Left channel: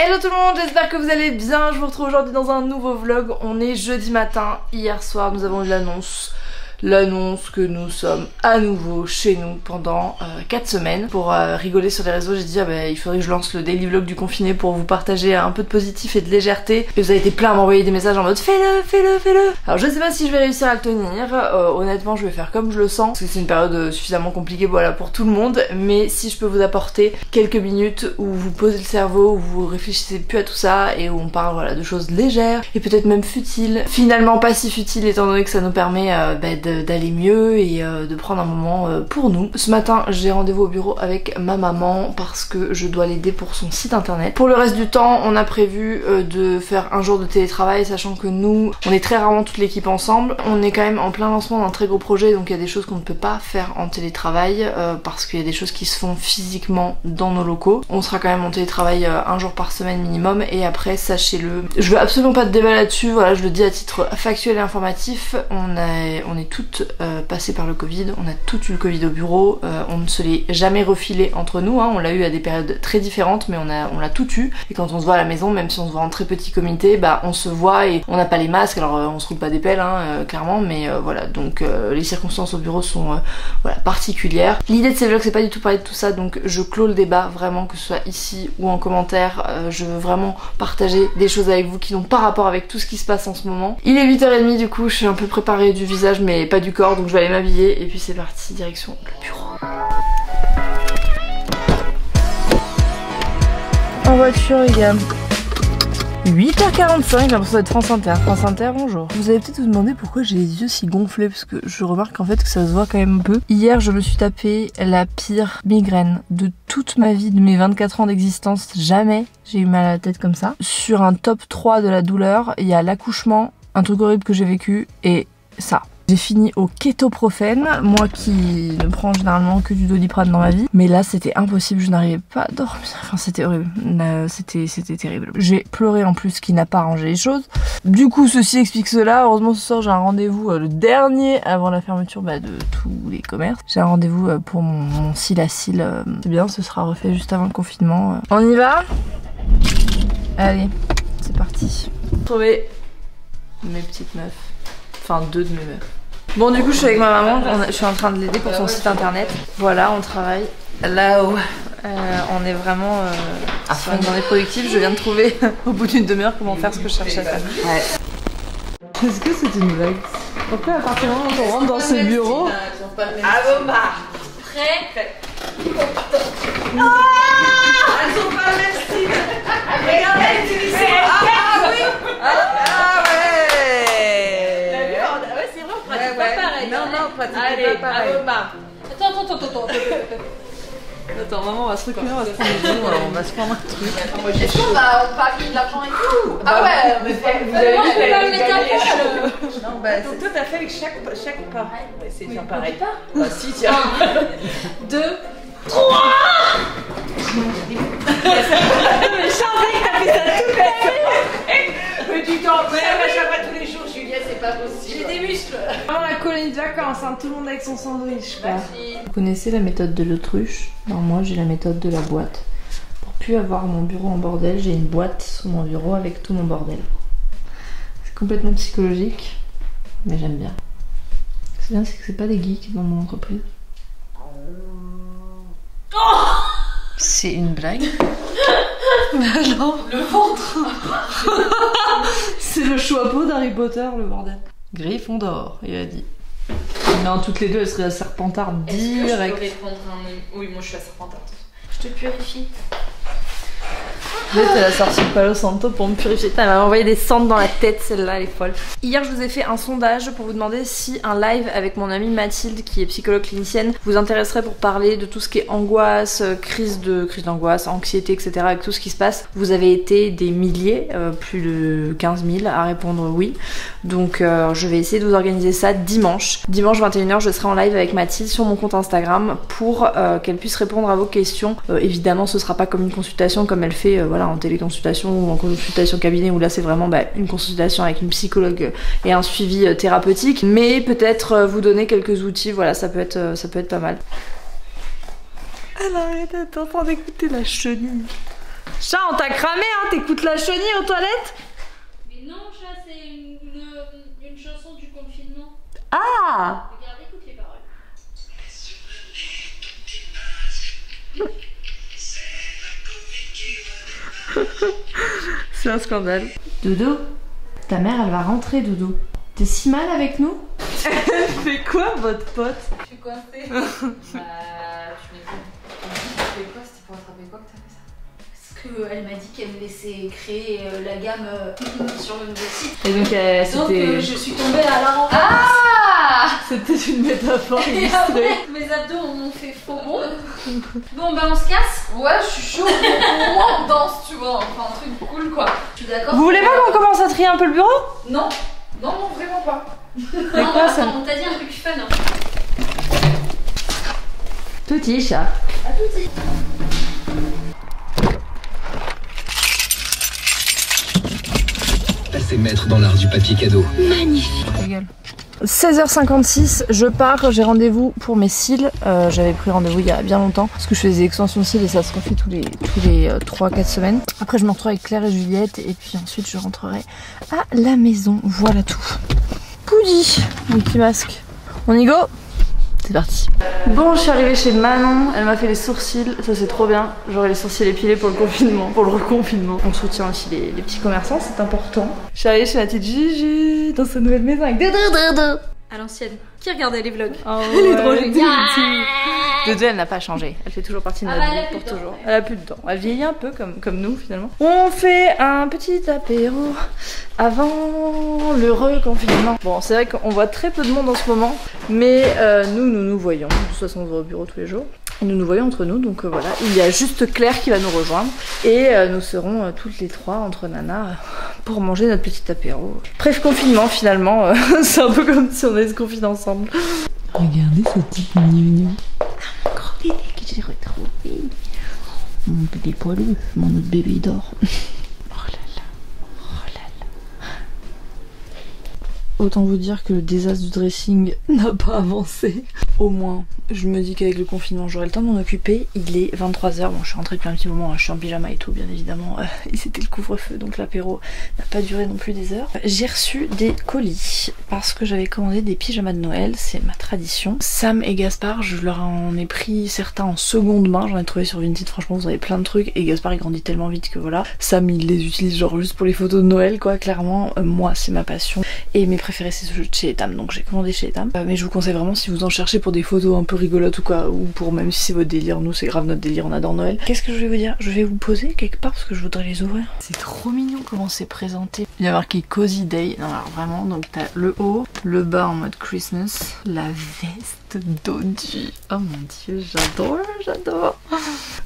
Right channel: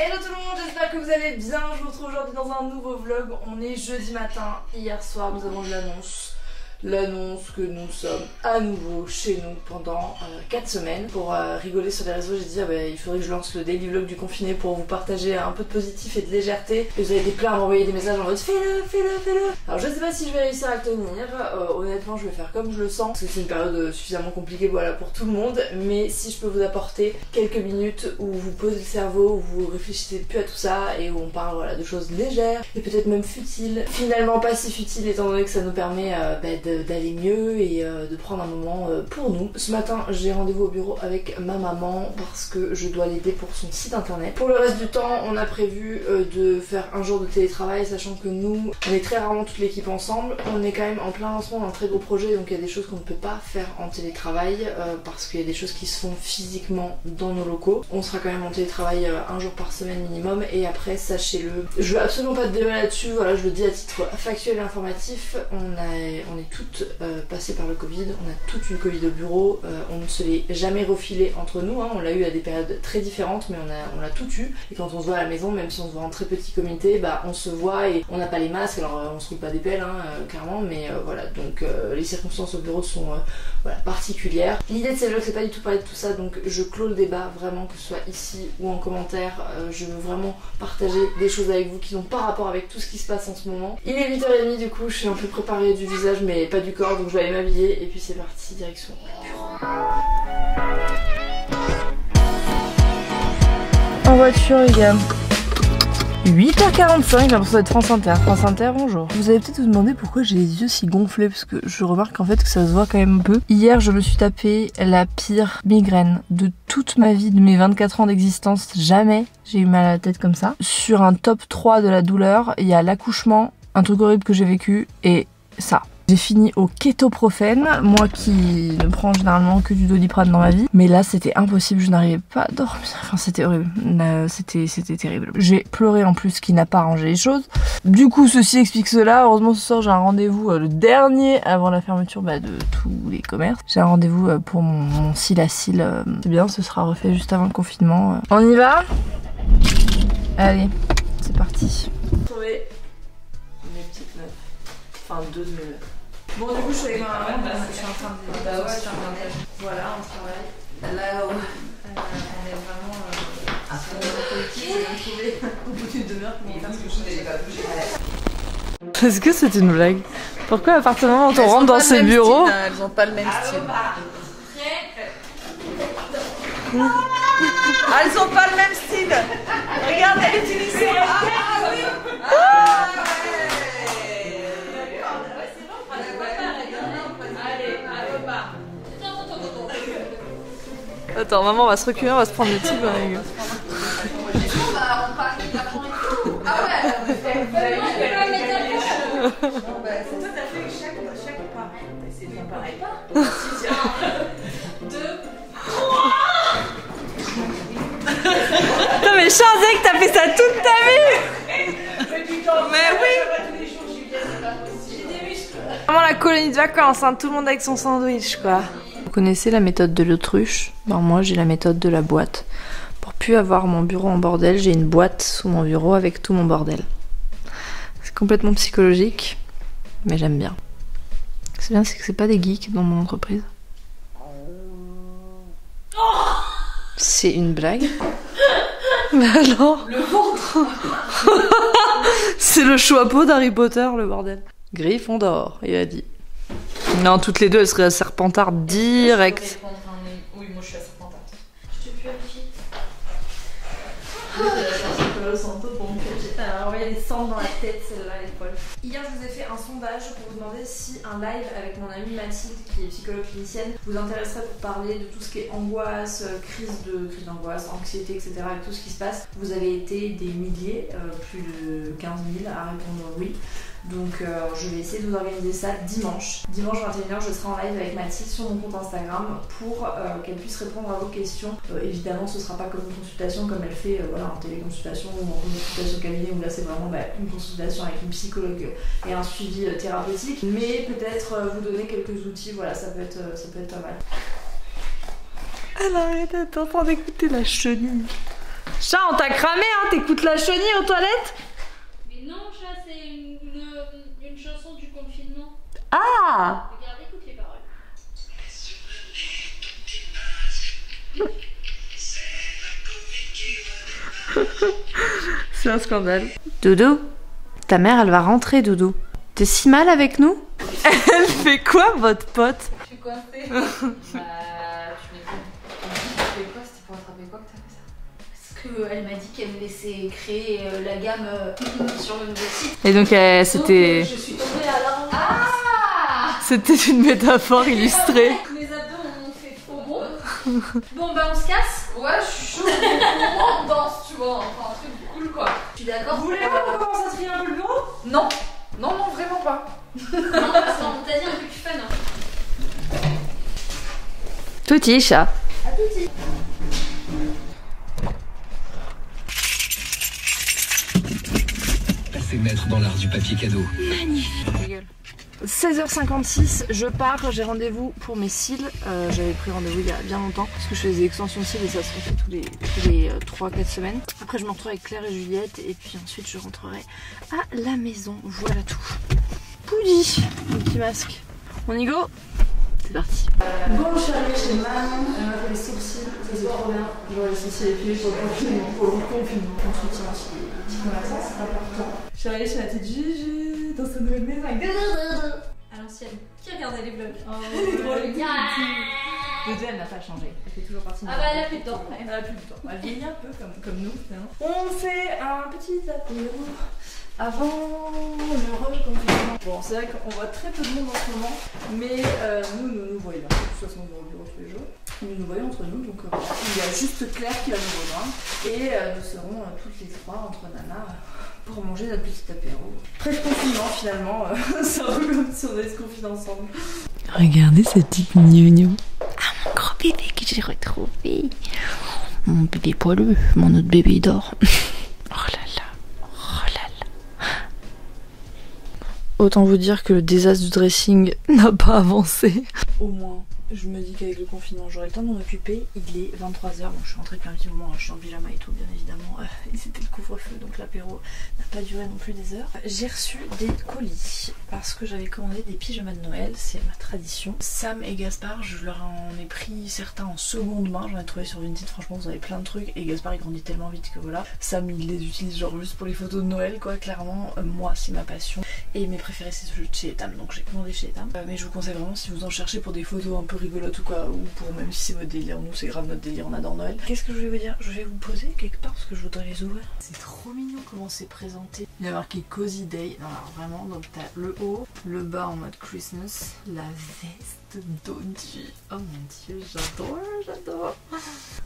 Hello tout le monde, j'espère que vous allez bien. Je vous retrouve aujourd'hui dans un nouveau vlog. On est jeudi matin. Hier soir nous avons eu l'annonce que nous sommes à nouveau chez nous pendant 4 semaines. Pour rigoler sur les réseaux, j'ai dit il faudrait que je lance le daily vlog du confiné pour vous partager un peu de positif et de légèreté. Et vous avez été plein à m'envoyer des messages en mode fais-le. Alors je sais pas si je vais réussir à le tenir. Honnêtement je vais faire comme je le sens parce que c'est une période suffisamment compliquée voilà, pour tout le monde. Mais si je peux vous apporter quelques minutes où vous posez le cerveau, où vous réfléchissez plus à tout ça et où on parle voilà, de choses légères et peut-être même futiles. Finalement pas si futiles étant donné que ça nous permet d'aller mieux et de prendre un moment pour nous. Ce matin j'ai rendez-vous au bureau avec ma maman parce que je dois l'aider pour son site internet. Pour le reste du temps on a prévu de faire un jour de télétravail, sachant que nous on est très rarement toute l'équipe ensemble. On est quand même en plein lancement d'un très gros projet, donc il y a des choses qu'on ne peut pas faire en télétravail parce qu'il y a des choses qui se font physiquement dans nos locaux. On sera quand même en télétravail un jour par semaine minimum, et après sachez-le, je veux absolument pas de débat là-dessus, voilà, je le dis à titre factuel et informatif, on est toutes passées par le Covid, on a toutes eu le Covid au bureau, on ne se l'est jamais refilé entre nous, hein, on l'a eu à des périodes très différentes mais on l'a tout eu, et quand on se voit à la maison, même si on se voit en très petit comité, on se voit et on n'a pas les masques, alors on se roule pas des pelles hein, clairement, mais voilà, donc les circonstances au bureau sont voilà, particulières. L'idée de ces vlogs c'est pas du tout parler de tout ça, donc je clôt le débat vraiment, que ce soit ici ou en commentaire, je veux vraiment partager des choses avec vous qui n'ont pas rapport avec tout ce qui se passe en ce moment. Il est 8h30 du coup, je suis un peu préparée du visage mais pas du corps, donc je vais aller m'habiller et puis c'est parti, direction le bureau. En voiture les gars. 8h45, j'ai l'impression d'être France Inter. France Inter, bonjour. Vous allez peut-être vous demander pourquoi j'ai les yeux si gonflés, parce que je remarque en fait que ça se voit quand même un peu. Hier, je me suis tapé la pire migraine de toute ma vie, de mes 24 ans d'existence. Jamais j'ai eu mal à la tête comme ça. Sur un top 3 de la douleur, il y a l'accouchement, un truc horrible que j'ai vécu, et ça. J'ai fini au kétoprofène, moi qui ne prends généralement que du Doliprane dans ma vie. Mais là c'était impossible, je n'arrivais pas à dormir, enfin c'était horrible, c'était terrible. J'ai pleuré en plus, ce qui n'a pas arrangé les choses. Du coup ceci explique cela, heureusement ce soir j'ai un rendez-vous, le dernier avant la fermeture de tous les commerces. J'ai un rendez-vous pour mon cil à cils, c'est bien, ce sera refait juste avant le confinement. On y va? Allez, c'est parti. Trouver mes petites meufs, enfin deux de mes meufs. Bon du coup je suis avec ma maman, je suis en train de l'aider pour son site internet. Voilà, on travaille là-haut. On est vraiment sur une journée productive. Je viens de trouver au bout d'une demi-heure comment faire ce que je cherchais à faire. Ouais. Est-ce que c'est une blague? Pourquoi à partir du moment où on rentre dans ces bureaux... Elles ont pas le même style. Prêt. Elles ont pas le même style. Regarde, elles utilisent ça. Ah oui. Attends, maman, on va se reculer, on va se prendre des jeans, on va se prendre un truc. Est-ce qu'on part de l'argent et tout? Ah ouais, vous avez vu, elle est non, bah, donc toi, t'as fait avec chaque pareil. On va essayer de faire pareil. Si, tiens. 1, 2, 3. Non mais je savais que t'as fait ça toute ta vie. Mais tu t'en mets, moi je fais pas tous les jours, Julia, c'est pas possible. J'ai des muscles. Vraiment la colonie de vacances, hein, tout le monde avec son sandwich quoi. Vous connaissez la méthode de l'autruche? Ben moi j'ai la méthode de la boîte. Pour plus avoir mon bureau en bordel, j'ai une boîte sous mon bureau avec tout mon bordel. C'est complètement psychologique, mais j'aime bien. C'est bien, c'est que c'est pas des geeks dans mon entreprise. C'est une blague? Mais alors? Le ventre. C'est le chapeau d'Harry Potter, le bordel. Gryffondor, il a dit. Non, toutes les deux, elles seraient à Serpentard direct. Oui, moi je suis à Serpentard. Je te purifie. Elle a sorti le Palo Santo pour me purifier. Elle m'a envoyé des cendres dans la tête, celle-là, elle est folle. Hier, je vous ai fait un sondage pour vous demander si un live avec mon amie Mathilde, qui est psychologue clinicienne, vous intéresserait pour parler de tout ce qui est angoisse, crise d'angoisse, anxiété, etc. avec tout ce qui se passe. Vous avez été des milliers, plus de 15 000 à répondre oui. Donc je vais essayer de vous organiser ça dimanche. Dimanche 21h, je serai en live avec Mathilde sur mon compte Instagram pour qu'elle puisse répondre à vos questions. Évidemment, ce sera pas comme une consultation comme elle fait voilà, en téléconsultation ou en consultation cabinet, où là c'est vraiment une consultation avec une psychologue et un suivi thérapeutique. Mais peut-être vous donner quelques outils, voilà, ça peut être pas mal. Elle arrête, elle est en train d'écouter la chenille. Chat, on t'a cramé, hein, T'écoutes la chenille aux toilettes? Mais non, chat, c'est une chanson du confinement. Ah! Regarde, écoute les paroles. C'est un scandale. Dodo, ta mère elle va rentrer, Dodo. T'es si mal avec nous? Elle fait quoi, votre pote? Je suis coincée. Bah, tu m'étonnes. Tu fais quoi? C'était pour attraper quoi que t'as fait ça? Parce qu'elle m'a dit qu'elle me laissait créer la gamme sur le nouveau site. Et donc c'était... Donc je suis tombée à la rencontre. Ah! C'était une métaphore illustrée. Mes abdos m'ont fait faux bon. Bon bah on se casse. Ouais, je suis chaud. Moi, on danse, tu vois. Enfin, un truc cool, quoi. Je suis d'accord. Vous voulez pas qu'on commence à trier un peu le bureau? Non. Non, non, vraiment pas. Non, attends, on t'a dit un truc fun. Hein. Touti, chat. À tout de suite. Passez maître dans l'art du papier cadeau. 16h56, je pars, j'ai rendez-vous pour mes cils. J'avais pris rendez-vous il y a bien longtemps parce que je fais des extensions de cils et ça se refait tous les 3-4 semaines. Après je me retrouve avec Claire et Juliette et puis ensuite je rentrerai à la maison. Voilà tout. Poudi, mon petit masque. On y go? C'est parti. Bon, je suis arrivée chez Manon, elle m'a fait les sourcils, ça c'est trop bien. J'aurai les sourcils épilés pour le confinement, pour le reconfinement. On soutient aussi les petits commerçants, c'est important. Je suis arrivée chez la petite Gigi dans sa nouvelle maison avec Dodo. À l'ancienne. Qui regardait les vlogs? Oh, Elle est drôle. Dodo, elle n'a pas changé, elle fait toujours partie de notre Ah bah, elle a vie, plus pour de dents, toujours. ouais. Elle a plus de temps. Elle vieillit un peu comme nous finalement. On fait un petit apéro avant le reconfinement. Bon, c'est vrai qu'on voit très peu de monde en ce moment, mais nous voyons. De toute façon, on va au bureau tous les jours. Et nous nous voyons entre nous, donc voilà. Il y a juste Claire qui va nous rejoindre. Et nous serons toutes les trois entre nanas pour manger notre petit apéro. Bref, confinement finalement. C'est un peu comme si on allait se confiner ensemble. Regardez ce petit gnognon. Ah, mon grand bébé que j'ai retrouvé. Mon bébé poilu, mon autre bébé dort. Oh là là, oh là là. Autant vous dire que le désastre du dressing n'a pas avancé. Au moins, je me dis qu'avec le confinement, j'aurai le temps de m'en occuper. Il est 23h, bon je suis rentrée depuis un petit moment, je suis en pyjama et tout bien évidemment. Et c'était le couvre-feu, donc l'apéro n'a pas duré non plus des heures. J'ai reçu des colis parce que j'avais commandé des pyjamas de Noël, c'est ma tradition. Sam et Gaspard, je leur en ai pris certains en seconde main, j'en ai trouvé sur Vinted, franchement vous avez plein de trucs. Et Gaspard il grandit tellement vite que voilà. Sam il les utilise genre juste pour les photos de Noël quoi, clairement. Moi c'est ma passion. Et mes préférés c'est ceux de chez Etam, donc j'ai commandé chez Etam. Mais je vous conseille vraiment si vous en cherchez pour des photos un peu rigolotes ou quoi, ou pour même si c'est votre délire, nous c'est grave notre délire, on adore Noël. Qu'est-ce que je vais vous dire? Je vais vous poser quelque part parce que je voudrais les ouvrir. C'est trop mignon comment c'est présenté. Il y a marqué Cozy Day, non alors vraiment, donc t'as le haut, le bas en mode Christmas, la veste dodgy. Oh mon dieu, j'adore, j'adore.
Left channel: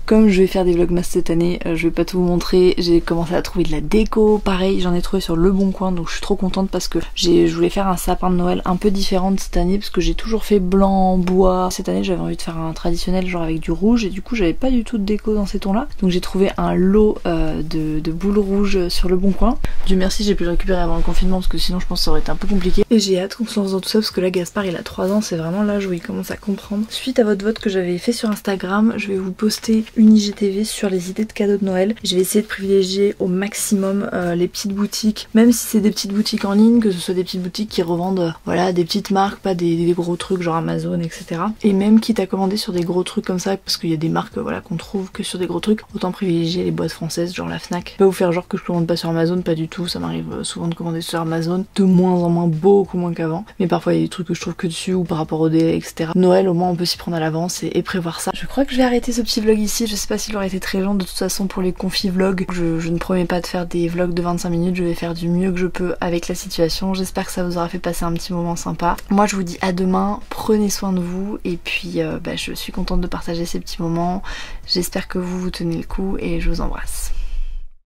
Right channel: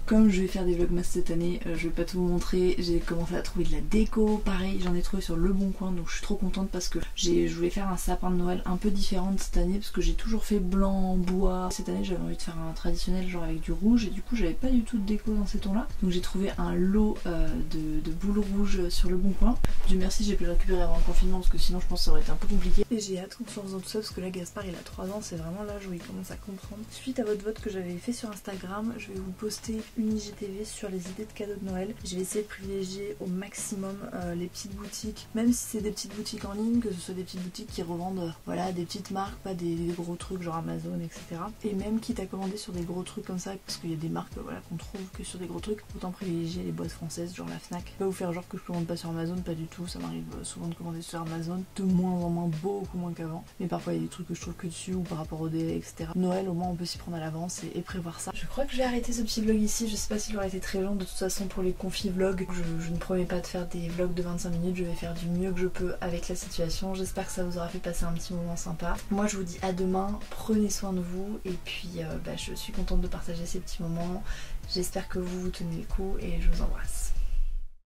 Comme je vais faire des vlogmas cette année, je vais pas tout vous montrer, j'ai commencé à trouver de la déco, pareil j'en ai trouvé sur Le Bon Coin, donc je suis trop contente parce que je voulais faire un sapin de Noël un peu différent de cette année parce que j'ai toujours fait blanc, bois. Cette année j'avais envie de faire un traditionnel genre avec du rouge et du coup j'avais pas du tout de déco dans ces tons là, donc j'ai trouvé un lot de boules rouges sur Le Bon Coin. Dieu merci j'ai pu le récupérer avant le confinement parce que sinon je pense que ça aurait été un peu compliqué et j'ai hâte qu'on se lance dans tout ça parce que là Gaspard il a 3 ans, c'est vraiment l'âge où il commence à comprendre. Suite à votre vote que j'avais fait sur Instagram, je vais vous poster une IGTV sur les idées de cadeaux de Noël. Je vais essayer de privilégier au maximum les petites boutiques, même si c'est des petites boutiques en ligne, que ce soit des petites boutiques qui revendent voilà des petites marques, pas des gros trucs genre Amazon etc. Et même quitte à commander sur des gros trucs comme ça, parce qu'il y a des marques voilà qu'on trouve que sur des gros trucs, autant privilégier les boîtes françaises genre la Fnac. Pas vous faire genre que je commande pas sur Amazon, pas du tout, ça m'arrive souvent de commander sur Amazon, de moins en moins, beaucoup moins qu'avant, mais parfois il y a des trucs que je trouve que dessus ou par rapport au délai etc. Noël au moins on peut s'y prendre à l'avance et prévoir ça. Je crois que je vais arrêter ce petit vlog ici, je sais pas s'il aurait été très long de toute façon pour les confi vlogs, je ne promets pas de faire des vlogs de 25 minutes, je vais faire du mieux que je peux avec la situation, j'espère que ça vous aura fait passer un petit moment sympa. Moi je vous dis à demain, prenez soin de vous et puis je suis contente de partager ces petits moments, j'espère que vous tenez le coup et je vous embrasse.